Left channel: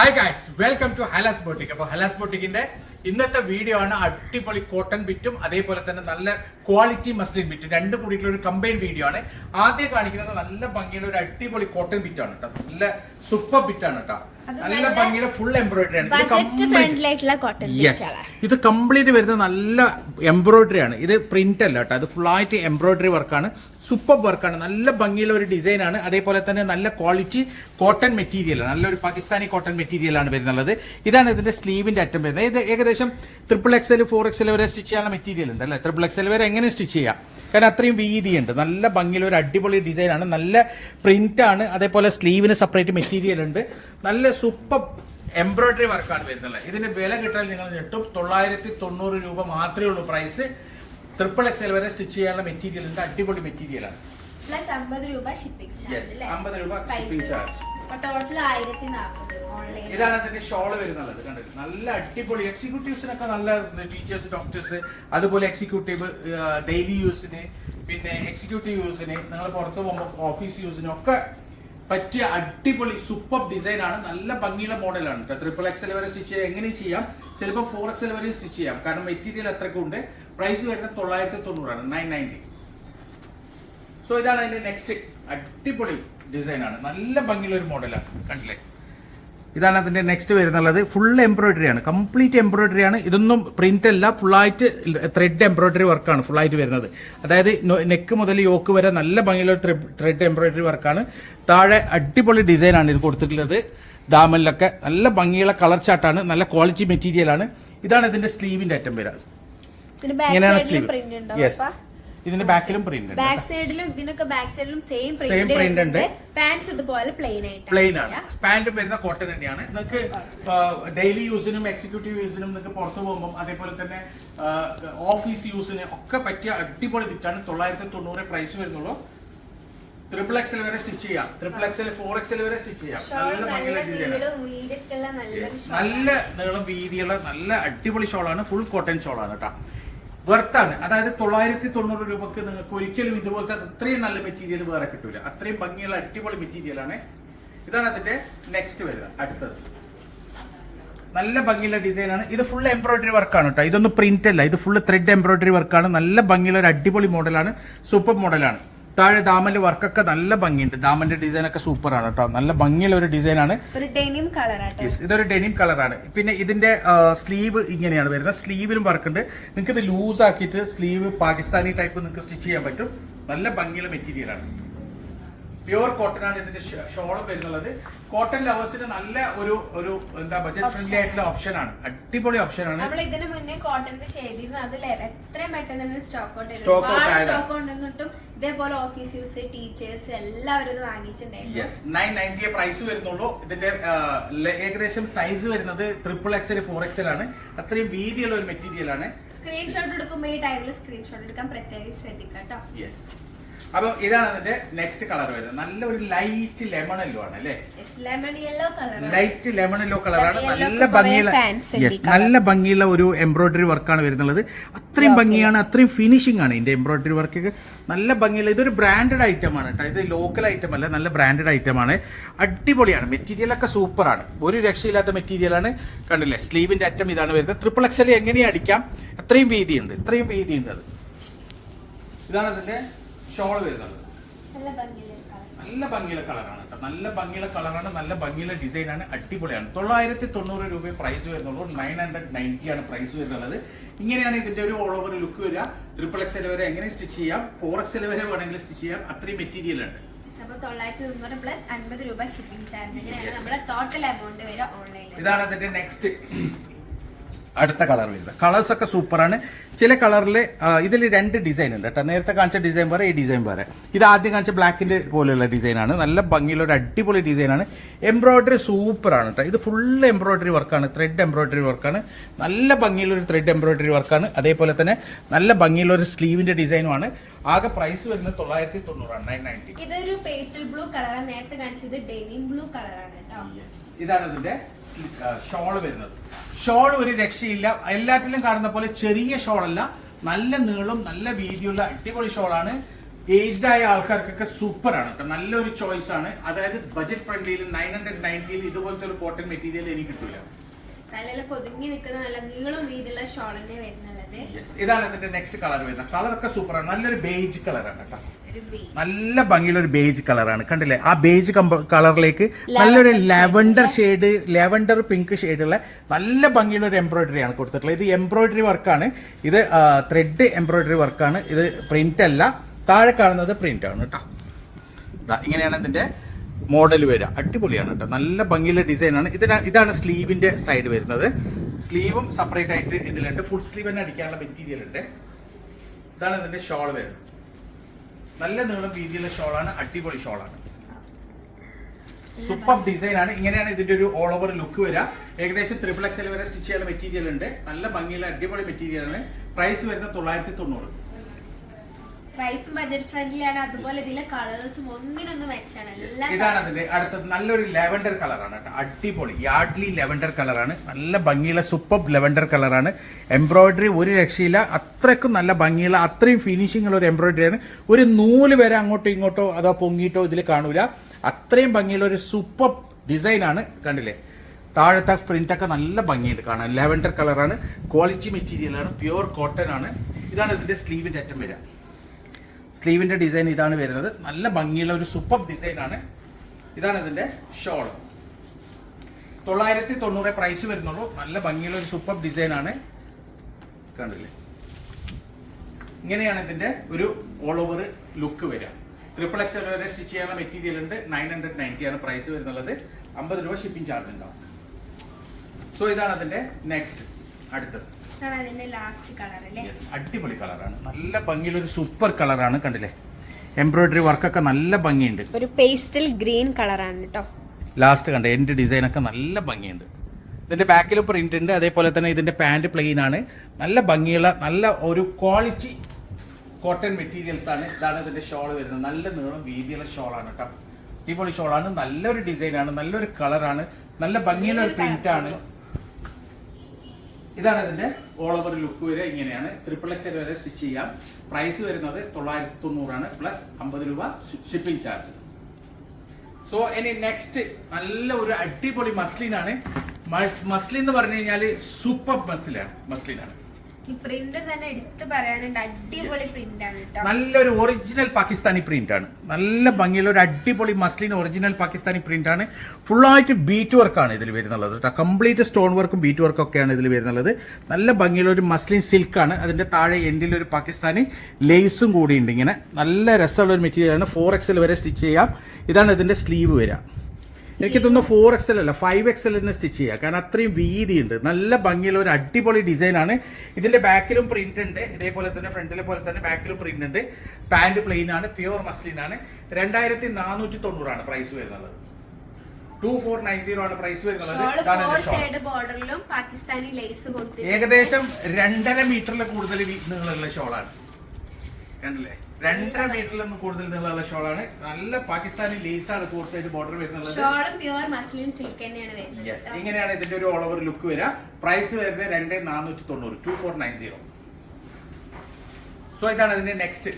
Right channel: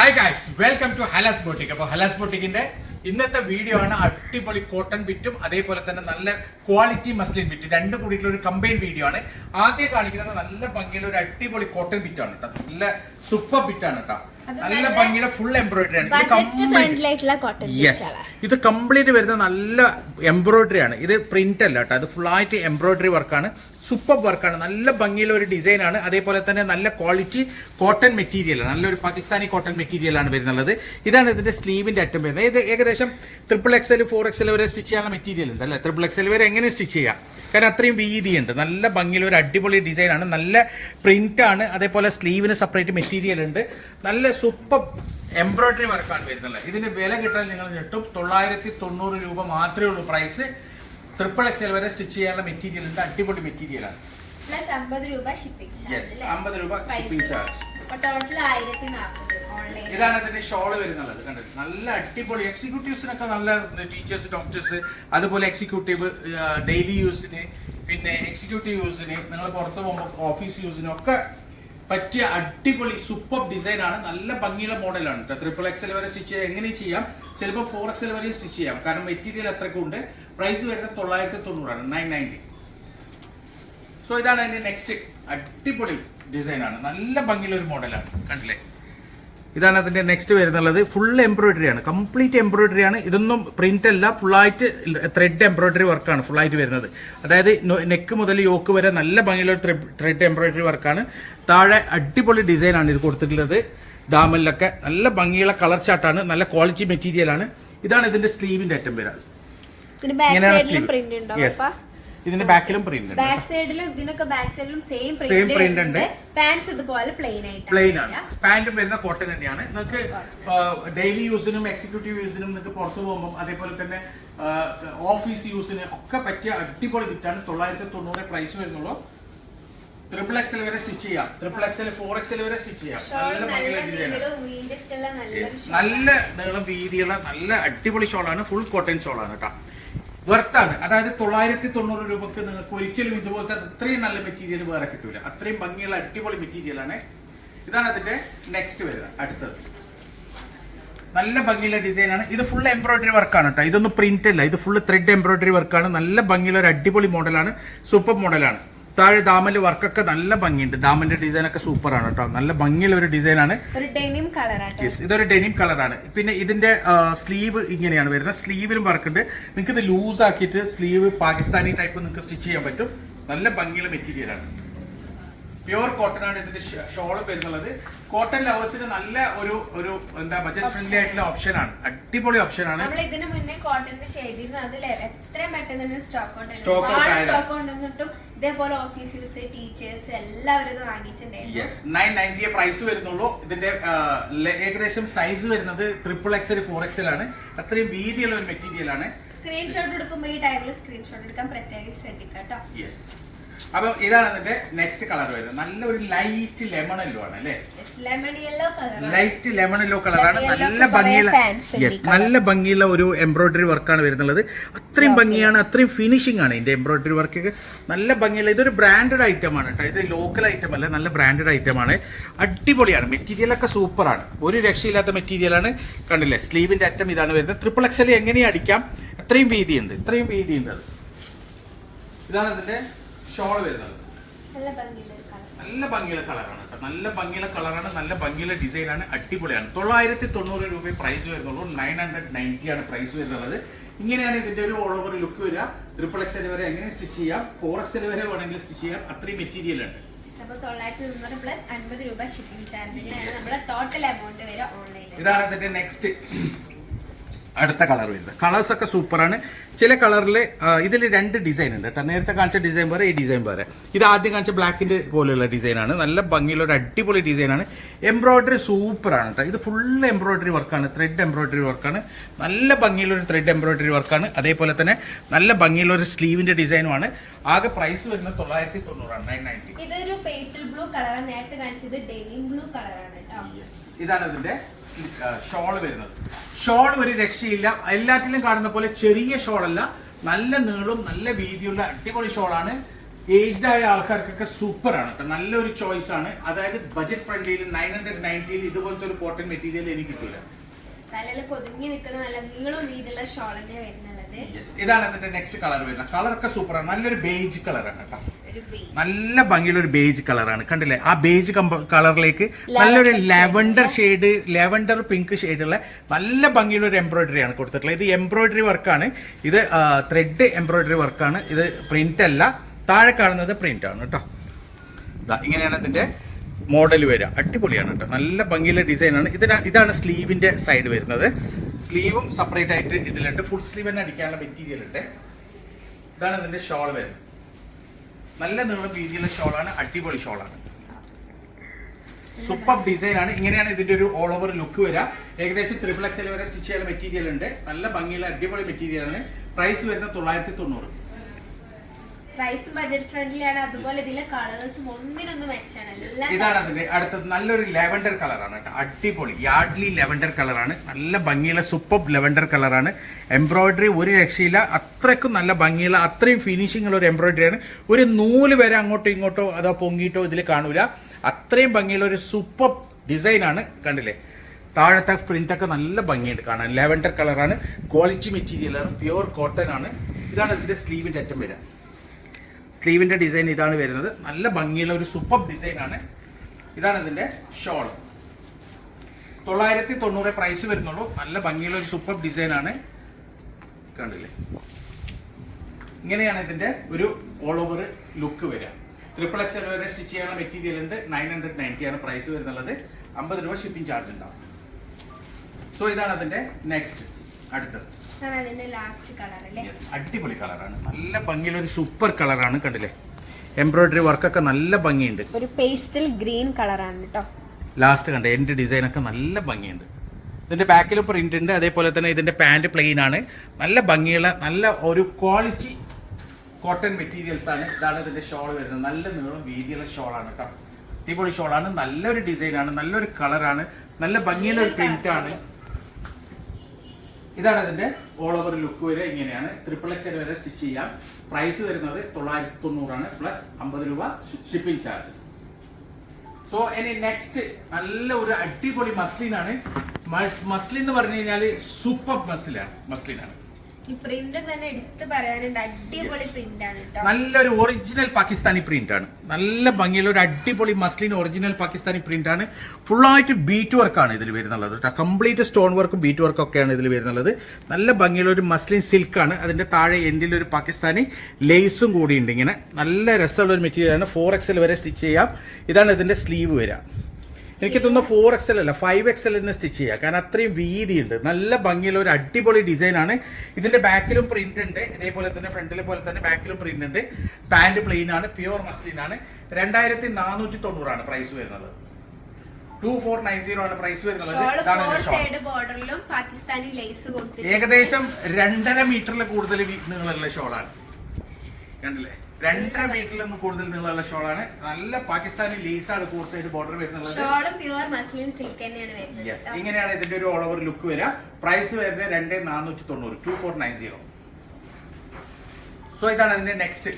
Hi guys, welcome to Halas boutique. അപ്പോൾ Halas ബോട്ടിക്കിന്റെ ഇന്നത്തെ video ആണ് അടിപൊളി കോട്ടൺ ബിറ്റും അതേപോലെ തന്നെ നല്ല ക്വാളിറ്റി മസ്ലിൻ ബിറ്റും രണ്ടും കൂടിയിട്ടുള്ള ഒരു കമ്പൈൻ വീഡിയോ ആണ്. ആദ്യം കാണിക്കുന്നത് നല്ല ഭംഗിയുള്ള ഒരു അടിപൊളി കോട്ടൺ ബിറ്റാണ് കേട്ടോ. നല്ല സൂപ്പർ ബിറ്റാണ് കേട്ടോ. നല്ല ഭംഗിയുള്ള ഫുൾ എംബ്രോയിഡറി ആണ്. ഇത് കംപ്ലീറ്റ് വരുന്ന നല്ല എംബ്രോയിഡറി ആണ്. ഇത് പ്രിന്റ് അല്ല കേട്ടോ, അത് ഫുൾ ആയിട്ട് എംബ്രോയിഡറി വർക്കാണ്. സൂപ്പർ വർക്കാണ്. നല്ല ഭംഗിയുള്ള ഒരു ഡിസൈൻ ആണ്. അതേപോലെ തന്നെ നല്ല ക്വാളിറ്റി കോട്ടൺ മെറ്റീരിയൽ, നല്ലൊരു പാകിസ്ഥാനി കോട്ടൺ മെറ്റീരിയൽ ആണ് വരുന്നത്. ഇതാണ് ഇതിന്റെ സ്ലീവിന്റെ അറ്റം വരുന്നത്. ഇത് ഏകദേശം XXL 4XL വരെ സ്റ്റിച്ച് ചെയ്യാനുള്ള മെറ്റീരിയൽ ഉണ്ട് അല്ലെ. XXL വരെ എങ്ങനെ സ്റ്റിച്ച് ചെയ്യാം, കാരണം അത്രയും വീതിയുണ്ട്. നല്ല ഭംഗിയുള്ള ഒരു അടിപൊളി ഡിസൈൻ ആണ്. നല്ല പ്രിന്റ് ആണ്. അതേപോലെ സ്ലീവിന് സെപ്പറേറ്റ് മെറ്റീരിയൽ ഉണ്ട്. നല്ല സൂപ്പർ എംബ്രോയിഡറി വർക്കാണ് വരുന്നത്. ഇതിന് വില കിട്ടാൻ നിങ്ങൾ ഞെട്ടും. 990 രൂപ മാത്രമേ ഉള്ളൂ പ്രൈസ്. XXL വരെ സ്റ്റിച്ച് ചെയ്യാനുള്ള മെറ്റീരിയൽ ഉണ്ട്. അടിപൊളി മെറ്റീരിയൽ ആണ്. പ്ലസ് 50 രൂപ ഷിപ്പിംഗ് ചാർജ്. 50 രൂപ ഷിപ്പിംഗ് ചാർജ്. Total 1040 online. ഇതാണ് അതിന്റെ ഷോള് വരുന്നത്. കണ്ടിട്ട് നല്ല അടിപൊളി. എക്സിക്യൂട്ടീവ്സിനൊക്കെ നല്ല ടീച്ചേഴ്സ്, ഡോക്ടേഴ്സ്, അതുപോലെ എക്സിക്യൂട്ടീവ് ഡെയിലി യൂസിന്, പിന്നെ എക്സിക്യൂട്ടീവ് യൂസിന്, നിങ്ങൾ പുറത്ത് പോകുമ്പോൾ ഓഫീസ് യൂസിനും ഒക്കെ പറ്റിയ അടിപൊളി സൂപ്പർ ഡിസൈൻ ആണ്. നല്ല ഭംഗിയുള്ള മോഡലാണ്. XXL വരെ സ്റ്റിച്ച് ചെയ്യാം, എങ്ങനെയും ചെയ്യാം. ചിലപ്പോൾ 4XL വരെ സ്റ്റിച്ച് ചെയ്യാം, കാരണം മെറ്റീരിയൽ അത്രയ്ക്കും ഉണ്ട്. പ്രൈസ് വരുന്നത് 990 ആണ്, 990. സോ ഇതാണ് അതിന്റെ നെക്സ്റ്റ് അടിപൊളി ഡിസൈൻ ആണ്. നല്ല ഭംഗിയുള്ള ഒരു മോഡലാണ്. കണ്ടില്ലേ, ഇതാണ് അതിന്റെ നെക്സ്റ്റ് വരുന്നുള്ളത്. ഫുൾ എംബ്രോയിഡറി ആണ്, കംപ്ലീറ്റ് എംബ്രോയിഡറി ആണ്. ഇതൊന്നും പ്രിന്റ് അല്ല, ഫുള്ളായിട്ട് ത്രെഡ് എംബ്രോയിഡറി വർക്കാണ് ഫുള്ളായിട്ട് വരുന്നത്. അതായത് നെക്ക് മുതൽ യോക്ക് വരെ നല്ല ഭംഗിയുള്ള ത്രെഡ് എംബ്രോയിഡറി വർക്കാണ്. താഴെ അടിപൊളി ഡിസൈൻ ആണ് ഇത് കൊടുത്തിട്ടുള്ളത്. ദാമനിലൊക്കെ നല്ല ഭംഗിയുള്ള കളർ ചാർട്ടാണ്. നല്ല ക്വാളിറ്റി മെറ്റീരിയൽ ആണ്. ഇതാണ് ഇതിന്റെ സ്ലീവിന്റെ അറ്റം വരിക. ഇങ്ങനെയാണ് സ്ലീവ്. യെസ്, ഇതിന്റെ ബാക്കിലും പ്രിന്റ് ഉണ്ട്. ബാക്ക് സൈഡിലും ഇതിനൊക്കെ ബാക്ക് സൈഡിലും സെയിം പ്രിന്റ് ഉണ്ട്. പാന്റ്സ് ഇതുപോലെ പ്ലെയിൻ ആണ്. പാന്റും വരുന്ന കോട്ടൺ തന്നെയാണ്. നിങ്ങൾക്ക് ഡെയിലി യൂസിനും എക്സിക്യൂട്ടീവ് യൂസിനും നിങ്ങൾക്ക് പുറത്തു പോകുമ്പോൾ, അതേപോലെ തന്നെ ഓഫീസ് യൂസിന് ഒക്കെ പറ്റിയ അടിപൊളി ബിറ്റാണ്. 990 പ്രൈസ് വരുന്നുള്ളൂ. XXL വരെ സ്റ്റിച്ച് ചെയ്യാം. XXL 4XL വരെ സ്റ്റിച്ച് ചെയ്യാം. നല്ല നീളം വീതിയുള്ള നല്ല അടിപൊളി ഷോളാണ്. ഫുൾ കോട്ടൺ ഷോളാണ് കേട്ടോ. വെർത്താണ്. അതായത് 990 രൂപക്ക് നിങ്ങൾക്ക് ഒരിക്കലും ഇതുപോലത്തെ അത്രയും നല്ല മെറ്റീരിയൽ വേറെ കിട്ടൂല. അത്രയും ഭംഗിയുള്ള അടിപൊളി മെറ്റീരിയൽ ആണ്. ഇതാണ് അതിന്റെ നെക്സ്റ്റ് വരുന്നത്. അടുത്തത് നല്ല ഭംഗിയുള്ള ഡിസൈൻ ആണ്. ഇത് ഫുൾ എംബ്രോയിഡറി വർക്കാണ് കേട്ടോ. ഇതൊന്നും പ്രിന്റ് അല്ല, ഇത് ഫുൾ ത്രെഡ് എംബ്രോയിഡറി വർക്കാണ്. നല്ല ഭംഗിയുള്ള ഒരു അടിപൊളി മോഡലാണ്. സൂപ്പർ മോഡലാണ്. താഴെ ദാമന്റെ വർക്കൊക്കെ നല്ല ഭംഗിയുണ്ട്. ദാമന്റെ ഡിസൈൻ ഒക്കെ സൂപ്പർ ആണ് കേട്ടോ. നല്ല ഭംഗിയുള്ള ഒരു ഡിസൈൻ ആണ്. ഇതൊരു ഡെനിം കളറാണ്. പിന്നെ ഇതിന്റെ സ്ലീവ് ഇങ്ങനെയാണ് വരുന്നത്. സ്ലീവിലും വർക്ക് ഉണ്ട്. നിങ്ങൾക്ക് ഇത് ലൂസ് ആക്കിയിട്ട് സ്ലീവ് പാകിസ്ഥാനി ടൈപ്പ് നിങ്ങൾക്ക് സ്റ്റിച്ച് ചെയ്യാൻ പറ്റും. നല്ല ഭംഗിയുള്ള മെറ്റീരിയൽ ആണ്. പ്യൂർ കോട്ടൺ ആണ് ഇതിന്റെ ഷോളും വരുന്നുള്ളത്. കോട്ടൺ ലവേഴ്സിന് നല്ല ഒരു എന്താ ബജറ്റ് ഫ്രണ്ട്ലി ആയിട്ടുള്ള ഓപ്ഷൻ ആണ്. അടിപൊളി ഓപ്ഷൻ ആണ്. ഇതിന് മുന്നേ കോട്ടന്റെ ചെയ്തിരുന്നു. അതിൽ എത്രയും പെട്ടെന്ന് സ്റ്റോക്ക് ഔട്ട് ഇതേപോലെ ഓഫീസ് യൂസ് ടീച്ചേഴ്സ് എല്ലാവരും വാങ്ങിച്ചിട്ടുണ്ടായിരുന്നു. 990 പ്രൈസ് വരുന്നുള്ളൂ. ഇതിന്റെ ഏകദേശം സൈസ് വരുന്നത് XXL 4XL ആണ്. അത്രയും വീതിയുള്ള ഒരു മെറ്റീരിയൽ ആണ്. സ്ക്രീൻഷോട്ട് എടുക്കുമ്പോൾ ഈ ടൈമിൽ സ്ക്രീൻഷോട്ട് എടുക്കാൻ പ്രത്യേകം ശ്രദ്ധിക്കാം. അപ്പൊ ഇതാണ് അതിന്റെ നെക്സ്റ്റ് കളർ വരുന്നത്. നല്ല ഒരു ലൈറ്റ് ലെമൺ യെല്ലോ ആണ് അല്ലെ. ലൈറ്റ് ലെമൺ യെല്ലോ കളറാണ്. നല്ല ഭംഗിയുള്ള ഒരു എംബ്രോയിഡറി വർക്കാണ് വരുന്നത്. അത്രയും ഭംഗിയാണ്, അത്രയും ഫിനിഷിംഗ് ആണ് ഇതിന്റെ എംബ്രോയിഡറി വർക്ക്. നല്ല ഭംഗിയുള്ള ഇതൊരു ബ്രാൻഡഡ് ഐറ്റം ആണ് കേട്ടോ. ഇത് ലോക്കൽ ഐറ്റം അല്ല, നല്ല ബ്രാൻഡഡ് ഐറ്റം ആണ്. അടിപൊളിയാണ്. മെറ്റീരിയൽ ഒക്കെ സൂപ്പർ ആണ്. ഒരു രക്ഷയില്ലാത്ത മെറ്റീരിയൽ ആണ്. കണ്ടില്ലേ, സ്ലീവിന്റെ അറ്റം ഇതാണ് വരുന്നത്. XXL എങ്ങനെയും അടിക്കാം. അത്രയും വീതിയുണ്ട്. അത് ഇതാണ് അതിന്റെ ഷോള് വരുന്നത്. നല്ല ഭംഗിയുള്ള കളറാണ് കേട്ടോ. നല്ല ഭംഗിയുള്ള ഡിസൈൻ ആണ്. അടിപൊളിയാണ്. 990 രൂപ പ്രൈസ് വരുന്നുള്ളൂ. 990 ആണ് പ്രൈസ് വരുന്നത്. ഇങ്ങനെയാണ് ഇതിന്റെ ഒരു ഓൾ ഓവർ ലുക്ക് വരിക. XXL വരെ എങ്ങനെ സ്റ്റിച്ച് ചെയ്യാം, 4XL വരെ വേണമെങ്കിൽ സ്റ്റിച്ച് ചെയ്യാം. അത്രയും മെറ്റീരിയൽ ഉണ്ട്. 990 പ്ലസ് 50 രൂപ ഷിപ്പിംഗ് ചാർജ്. നമ്മുടെ ടോട്ടൽ എമൗണ്ട് വരെ ഓൺലൈനിൽ. ഇതാണ് അതിന്റെ നെക്സ്റ്റ് അടുത്ത കളർ വരുന്നത്. കളേഴ്സ് ഒക്കെ സൂപ്പറാണ്. ചില കളറിൽ ഇതിൽ 2 ഡിസൈൻ ഉണ്ട് കേട്ടോ. നേരത്തെ കാണിച്ച ഡിസൈൻ വേറെ, ഈ ഡിസൈൻ വേറെ. ഇത് ആദ്യം കാണിച്ച ബ്ലാക്കിന്റെ പോലെയുള്ള ഡിസൈനാണ്. നല്ല ഭംഗിയുള്ള ഒരു അടിപൊളി ഡിസൈനാണ്. എംബ്രോയിഡറി സൂപ്പറാണ് കേട്ടോ. ഇത് ഫുൾ എംബ്രോയിഡറി വർക്കാണ്, ത്രെഡ് എംബ്രോയിഡറി വർക്കാണ്. നല്ല ഭംഗിയുള്ള ഒരു ത്രെഡ് എംബ്രോയിഡറി വർക്കാണ്. അതേപോലെ തന്നെ നല്ല ഭംഗിയുള്ള ഒരു സ്ലീവിന്റെ ഡിസൈനുമാണ്. ആകെ പ്രൈസ് വരുന്നത് 990 ആണ്, 990. ഇതൊരു പേസ്റ്റൽ ബ്ലൂ കളറാണ്. നേരത്തെ കാണിച്ചത് ഡെനിം ബ്ലൂ കളറാണ് കേട്ടോ. ഇതാണ് ഇതിന്റെ ഷോള് വരുന്നത്. ഷോൾ ഒരു രക്ഷയില്ല. എല്ലാത്തിലും കാണുന്ന പോലെ ചെറിയ ഷോളല്ല, നല്ല നീളം നല്ല വീതിയുള്ള അടിപൊളി ഷോളാണ്. ഏജ്ഡ് ആയ ആൾക്കാർക്കൊക്കെ സൂപ്പർ ആണ് കേട്ടോ, നല്ലൊരു ചോയ്സ് ആണ്. അതായത് ബജറ്റ് ഫ്രണ്ട്ലിയിൽ 990 ഇതുപോലത്തെ ഒരു കോട്ടൺ മെറ്റീരിയൽ എനിക്ക് കിട്ടില്ല. തലയിലൊക്കെ ഒതുങ്ങി നിൽക്കുന്ന നല്ല നീളം വീതിയുള്ള ഷോൾ തന്നെ വരുന്നത്. ഇതാണ് അതിന്റെ നെക്സ്റ്റ് കളർ വരുന്നത്. കളറൊക്കെ സൂപ്പറാണ്, നല്ലൊരു ബേജ് കളറാണ് കേട്ടോ, ഒരു beige. നല്ല ഭംഗിയുള്ള ഒരു ബേജ് കളറാണ്. കണ്ടില്ലേ ആ ബേജ് കളറിലേക്ക് നല്ലൊരു ലാവൻഡർ ഷെയ്ഡ്, ലാവൻഡർ പിങ്ക് ഷെയ്ഡുള്ള നല്ല ഭംഗിയുള്ള ഒരു എംബ്രോയിഡറി ആണ് കൊടുത്തിട്ടുള്ളത്. ഇത് എംബ്രോയിഡറി വർക്കാണ്, ഇത് ത്രെഡ് എംബ്രോയിഡറി വർക്കാണ്, ഇത് പ്രിന്റ് അല്ല. താഴെ കാണുന്നത് പ്രിന്റ് ആണ് കേട്ടോ. ഇങ്ങനെയാണ് ഇതിന്റെ മോഡൽ വരിക. അടിപൊളിയാണ് കേട്ടോ, നല്ല ഭംഗിയുള്ള ഡിസൈൻ ആണ്. ഇതാണ് സ്ലീവിന്റെ സൈഡ് വരുന്നത്. സ്ലീവും സെപ്പറേറ്റ് ആയിട്ട് ഇതിലുണ്ട്. ഫുൾ സ്ലീവ് തന്നെ അടിക്കാനുള്ള മെറ്റീരിയൽ ഉണ്ട്. ഇതാണ് ഇതിന്റെ ഷോൾ വരുന്നത്. നല്ല നീളം വീതിയുള്ള ഷോളാണ്, അടിപൊളി ഷോളാണ്, സൂപ്പർ ഡിസൈൻ ആണ്. ഇങ്ങനെയാണ് ഇതിന്റെ ഒരു ഓൾ ഓവർ ലുക്ക് വരിക. ഏകദേശം XXL വരെ സ്റ്റിച്ച് ചെയ്യാനുള്ള മെറ്റീരിയൽ ഉണ്ട്. നല്ല ഭംഗിയുള്ള അടിപൊളി മെറ്റീരിയൽ ആണ്. പ്രൈസ് വരുന്നത് 990. പ്രൈസും ബജറ്റ് ഫ്രണ്ട്ലി ആണ്. അതുപോലെ ഇതിലെ കളേഴ്സും ഒന്നിനൊന്നും മെച്ചാണ്. ഇതാണ് അതിന്റെ അടുത്തത്. നല്ലൊരു ലെവൻഡർ കളറാണ് കേട്ടോ, അടിപൊളി യാർഡ്ലി ലെവൻഡർ കളറാണ്. നല്ല ഭംഗിയുള്ള സൂപ്പർ ലെവൻഡർ കളറാണ്. എംബ്രോയിഡറി ഒരു രക്ഷയില്ല, അത്രയ്ക്കും നല്ല ഭംഗിയുള്ള അത്രയും ഫിനിഷിംഗ് ഉള്ള ഒരു എംബ്രോയിഡറി ആണ്. ഒരു നൂല് വരെ അങ്ങോട്ടോ ഇങ്ങോട്ടോ അതോ പൊങ്ങിയിട്ടോ ഇതിൽ കാണൂല, അത്രയും ഭംഗിയുള്ള ഒരു സൂപ്പർ ഡിസൈൻ ആണ്. കണ്ടില്ലേ താഴത്തെ പ്രിന്റ് ഒക്കെ നല്ല ഭംഗിയുണ്ട് കാണാൻ. ലെവൻഡർ കളറാണ്, ക്വാളിറ്റി മെറ്റീരിയൽ ആണ്, പ്യുവർ കോട്ടൺ ആണ്. ഇതാണ് ഇതിന്റെ സ്ലീവിന്റെ അറ്റം വരിക. സ്ലീവിന്റെ ഡിസൈൻ ഇതാണ് വരുന്നത്. നല്ല ഭംഗിയുള്ള ഒരു സൂപ്പർ ഡിസൈൻ ആണ്. ഇതാണ് ഇതിന്റെ ഷോൾ. 990 പ്രൈസ് വരുന്നുള്ളൂ. നല്ല ഭംഗിയുള്ള ഒരു സൂപ്പർ ഡിസൈൻ ആണ്. കണ്ടില്ലേ ഇങ്ങനെയാണ് ഇതിന്റെ ഒരു ഓൾ ഓവർ ലുക്ക് വരിക. XXL വരെ സ്റ്റിച്ച് ചെയ്യാനുള്ള മെറ്റീരിയൽ ഉണ്ട്. 990 ആണ് പ്രൈസ് വരുന്നുള്ളത്. 50 രൂപ ഷിപ്പിംഗ് ചാർജ് ഉണ്ടാവും. സോ ഇതാണ് അതിന്റെ നെക്സ്റ്റ് അടുത്തത്. ലാസ്റ്റ് കളർ അല്ലേ? അടിപൊളി കളറാണ്, നല്ല ഭംഗിയുള്ള ഒരു സൂപ്പർ കളറാണ്. കണ്ടില്ലേ എംബ്രോയിഡറി വർക്കൊക്കെ നല്ല ഭംഗിയുണ്ട്. ഒരു പേസ്റ്റൽ ഗ്രീൻ കളറാണ് കേട്ടോ. ലാസ്റ്റ് കണ്ട എന്റെ ഡിസൈൻ ഒക്കെ നല്ല ഭംഗിയുണ്ട്. ഇതിന്റെ ബാക്കിലും പ്രിന്റ് ഉണ്ട്. അതേപോലെ തന്നെ ഇതിന്റെ പാന്റ് പ്ലെയിൻ ആണ്. നല്ല ഭംഗിയുള്ള നല്ല ഒരു ക്വാളിറ്റി കോട്ടൺ മെറ്റീരിയൽസ് ആണ്. ഇതാണ് ഇതിന്റെ ഷോൾ വരുന്നത്. നല്ല നീളം വീതിയുള്ള ഷോളാണ് കേട്ടോ, അടിപൊളി ഷോളാണ്. നല്ലൊരു ഡിസൈൻ ആണ്, നല്ലൊരു കളറാണ്, നല്ല ഭംഗിയുള്ള ഒരു പ്രിന്റ് ആണ്. ഇതാണ് ഇതിന്റെ ഓൾ ഓവർ ലുക്ക് വരിക. ഇങ്ങനെയാണ്. XXL വരെ സ്റ്റിച്ച് ചെയ്യാം. പ്രൈസ് വരുന്നത് 990 ആണ്, പ്ലസ് 50 രൂപ ഷിപ്പിംഗ് ചാർജ്. സോ ഇനി നെക്സ്റ്റ് നല്ല ഒരു അടിപൊളി മസ്ലിൻ ആണ്. മസ്ലിൻ എന്ന് പറഞ്ഞു കഴിഞ്ഞാൽ സൂപ്പർ മസ്ലിനാണ്. ഈ പ്രിന്റ് തന്നെ എടുത്ത് പറയാനുണ്ട്, അടിപൊളി പ്രിന്റ് ആണ് കേട്ടോ. നല്ലൊരു ഒറിജിനൽ പാകിസ്ഥാനി പ്രിന്റ് ആണ്. നല്ല ഭംഗിയുള്ള ഒരു അടിപൊളി മസ്ലിൻ ഒറിജിനൽ പാകിസ്ഥാനി പ്രിന്റ് ആണ്. ഫുള്ളായിട്ട് ബീറ്റ് വർക്കാണ് ഇതിൽ വരുന്നുള്ളത് കേട്ടോ. കംപ്ലീറ്റ് സ്റ്റോൺ വർക്കും ബീറ്റ് വർക്കും ഒക്കെയാണ് ഇതിൽ വരുന്നുള്ളത്. നല്ല ഭംഗിയുള്ള ഒരു മസ്ലിൻ സിൽക്കാണ്. അതിന്റെ താഴെ എൻഡിൽ ഒരു പാകിസ്ഥാനി ലേസും കൂടിയുണ്ട്. ഇങ്ങനെ നല്ല രസമുള്ള ഒരു മെറ്റീരിയൽ ആണ്. 4XL വരെ സ്റ്റിച്ച് ചെയ്യാം. ഇതാണ് ഇതിന്റെ സ്ലീവ് വരിക. എനിക്ക് തോന്നുന്നു 4XL അല്ല 5XL തന്നെ സ്റ്റിച്ച് ചെയ്യാം, കാരണം അത്രയും വീതിയുണ്ട്. നല്ല ഭംഗിയുള്ള ഒരു അടിപൊളി ഡിസൈൻ ആണ്. ഇതിന്റെ ബാക്കിലും പ്രിന്റ് ഉണ്ട്, ഇതേപോലെ തന്നെ ഫ്രണ്ടിലെ പോലെ തന്നെ ബാക്കിലും പ്രിന്റ് ഉണ്ട്. പാന്റ് പ്ലെയിൻ ആണ്, പ്യുവർ മസ്ലിൻ ആണ്. 2490 ആണ് പ്രൈസ് വരുന്നത്. 2490 ആണ് പ്രൈസ് വരുന്നത്. ഏകദേശം 2.5 മീറ്ററിൽ കൂടുതൽ നീളമുള്ള ഷോളാണ്. കണ്ടില്ലേ 2.5 മീറ്ററിൽ നിന്ന് കൂടുതൽ നീളമുള്ള ഷോളാണ്. നല്ല പാകിസ്ഥാനി ലേസ് ആണ് കോർ സൈഡ് ബോർഡർ വരുന്നത്. ഇങ്ങനെയാണ് ഇതിന്റെ ഒരു ഓൾ ഓവർ ലുക്ക് വരിക. പ്രൈസ് വരുന്നത് 2490, 2490. സോ ഇതാണ് ഇതിന്റെ നെക്സ്റ്റ്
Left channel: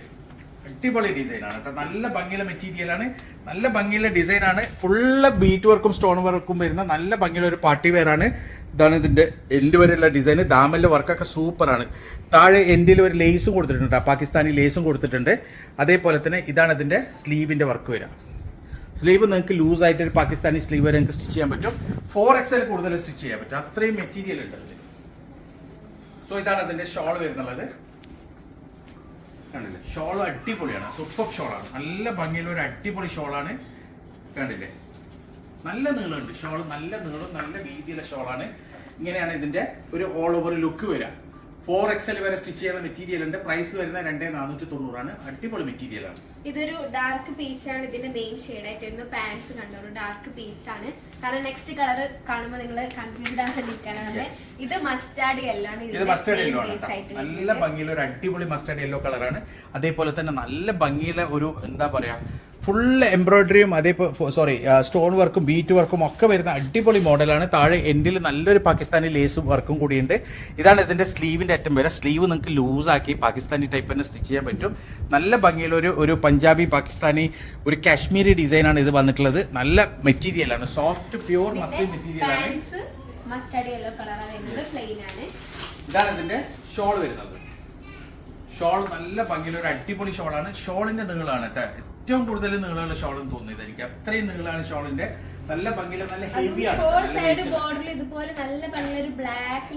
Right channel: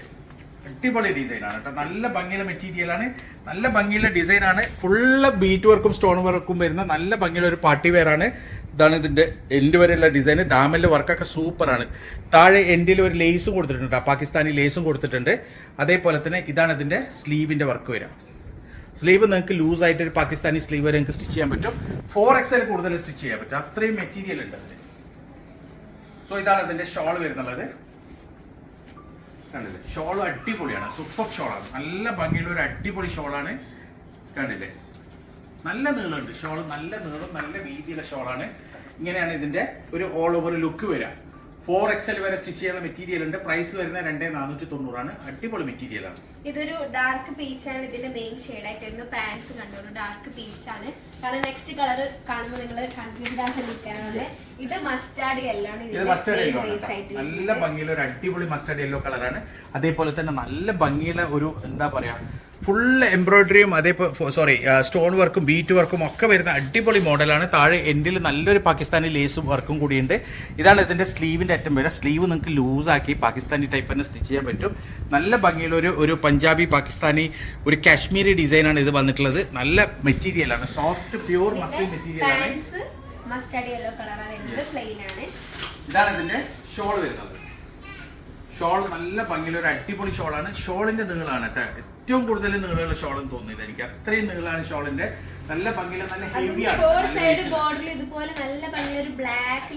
അടിപൊളി ഡിസൈൻ ആണ് കേട്ടോ. നല്ല ഭംഗിയുള്ള മെറ്റീരിയൽ ആണ്, നല്ല ഭംഗിയുള്ള ഡിസൈൻ ആണ്. ഫുള്ള് ബീറ്റ് വർക്കും സ്റ്റോൺ വർക്കും വരുന്ന നല്ല ഭംഗിയുള്ള ഒരു പാർട്ടി വെയർ ആണ്. ഇതാണ് ഇതിന്റെ എൻഡ് വരെയുള്ള ഡിസൈൻ. ദാമലിന്റെ വർക്കൊക്കെ സൂപ്പറാണ്. താഴെ എൻഡിൽ ഒരു ലേസും കൊടുത്തിട്ടുണ്ട്, പാകിസ്ഥാനി ലേസും കൊടുത്തിട്ടുണ്ട്. അതേപോലെ തന്നെ ഇതാണ് ഇതിന്റെ സ്ലീവിന്റെ വർക്ക് വരിക. സ്ലീവ് നിങ്ങൾക്ക് ലൂസ് ആയിട്ട് ഒരു പാകിസ്ഥാനി സ്ലീവ് വരെ നിങ്ങൾക്ക് സ്റ്റിച്ച് ചെയ്യാൻ പറ്റും. 4XL കൂടുതൽ സ്റ്റിച്ച് ചെയ്യാൻ പറ്റും, അത്രയും മെറ്റീരിയൽ ഉണ്ട് അതിൽ. സോ ഇതാണ് ഇതിന്റെ ഷോൾ വരുന്നുള്ളത്. കണ്ടില്ലേ ഷോൾ അടിപൊളിയാണ്, സൂപ്പർ ഷോളാണ്. നല്ല ഭംഗിയുള്ള ഒരു അടിപൊളി ഷോളാണ്. കണ്ടില്ലേ നല്ല നീളമുണ്ട് ഷോൾ, നല്ല നീളം നല്ല വീതിയുള്ള ഷോളാണ്. ഇങ്ങനെയാണ് ഇതിന്റെ ഒരു ഓൾ ഓവർ ലുക്ക് വരിക. 4XL വരെ സ്റ്റിച്ച് ചെയ്യുന്ന മെറ്റീരിയൽ ഉണ്ട്. പ്രൈസ് വരുന്നത് 2490 ആണ്. അടിപൊളി മെറ്റീരിയൽ ആണ്. ഇതൊരു ഡാർക്ക് പീച്ച് ആണ് ഇതിന്റെ മെയിൻ ഷെയ്ഡ് ആയിട്ട് വരുന്നത്. പാൻസ് കണ്ടോളൂ, ഡാർക്ക് പീച്ച് ആണ്. കാരണം നെക്സ്റ്റ് കളർ കാണുമ്പോൾ നിങ്ങൾ കൺഫ്യൂസ്ഡ് ആകാതിരിക്കാനാണ്. ഇത് മസ്റ്റാർഡ് യെല്ലോ ആണ്. ഇത് മസ്റ്റാർഡ് യെല്ലോ ആണ്. നല്ല ഭംഗിയുള്ള ഒരു അടിപൊളി മസ്റ്റാർഡ് യെല്ലോ കളറാണ്. അതേപോലെ തന്നെ നല്ല ഭംഗിയുള്ള ഒരു എന്താ പറയാ ഫുൾ എംബ്രോയിഡറിയും സോറി സ്റ്റോൺ വർക്കും ബീറ്റ് വർക്കും ഒക്കെ വരുന്ന അടിപൊളി മോഡലാണ്. താഴെ എൻഡിൽ നല്ലൊരു പാകിസ്ഥാനി ലേസും വർക്കും കൂടിയുണ്ട്. ഇതാണ് ഇതിന്റെ സ്ലീവിന്റെ അറ്റം വരെ. സ്ലീവ് നിങ്ങൾക്ക് ലൂസാക്കി പാകിസ്ഥാനി ടൈപ്പ് തന്നെ സ്റ്റിച്ച് ചെയ്യാൻ പറ്റും. നല്ല ഭംഗിയുള്ള ഒരു പഞ്ചാബി പാകിസ്ഥാനി ഒരു കാശ്മീരി ഡിസൈനാണ് ഇത് വന്നിട്ടുള്ളത്. നല്ല മെറ്റീരിയലാണ്, സോഫ്റ്റ് പ്യൂർ മസ്ലിൻ മെറ്റീരിയലാണ്. മസ്റ്റാർഡ് യെല്ലോ കളറാണ് വരുന്നത്, പ്ലെയിൻ ആണ്. ഇതാണ് ഇതിന്റെ ഷോൾ വരുന്നത്. ഷോൾ നല്ല ഭംഗിയുള്ള ഒരു അടിപൊളി ഷോളാണ്. ഷോളിന്റെ നീളമാണ് കേട്ടോ ഏറ്റവും കൂടുതൽ നീളമുള്ള ഷോൾ എന്ന് തോന്നിയത് എനിക്ക്. അത്രയും നീളമാണ് ഷോളിന്റെ. നല്ല ഭംഗിയുള്ള നല്ല ഹെവിയാണ്. ഇതുപോലെ നല്ല ഭംഗിയുള്ള ഒരു ബ്ലാക്ക്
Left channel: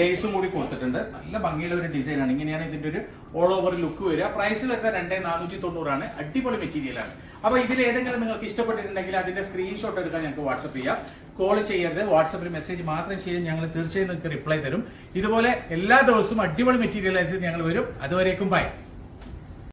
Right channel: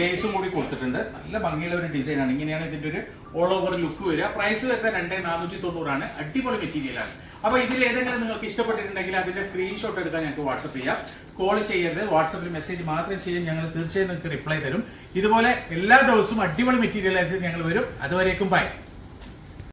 ലേസും കൂടി കൊടുത്തിട്ടുണ്ട്. നല്ല ഭംഗിയുള്ള ഒരു ഡിസൈൻ ആണ്. ഇങ്ങനെയാണ് ഇതിന്റെ ഒരു ഓൾ ഓവർ ലുക്ക് വരിക. പ്രൈസ് വരുന്നത് 2490 അടിപൊളി മെറ്റീരിയലാണ്. അപ്പൊ ഇതിൽ ഏതെങ്കിലും നിങ്ങൾക്ക് ഇഷ്ടപ്പെട്ടിട്ടുണ്ടെങ്കിൽ അതിന്റെ സ്ക്രീൻഷോട്ട് എടുക്കാൻ ഞങ്ങൾക്ക് വാട്സ്ആപ്പ് ചെയ്യാം. കോൾ ചെയ്യരുത്, വാട്സാപ്പിൽ മെസ്സേജ് മാത്രം ചെയ്യാൻ ഞങ്ങൾ തീർച്ചയായും നിങ്ങൾക്ക് റിപ്ലൈ തരും. ഇതുപോലെ എല്ലാ ദിവസവും അടിപൊളി മെറ്റീരിയലൈസ് ഞങ്ങൾ വരും. അതുവരേക്കും ബൈ.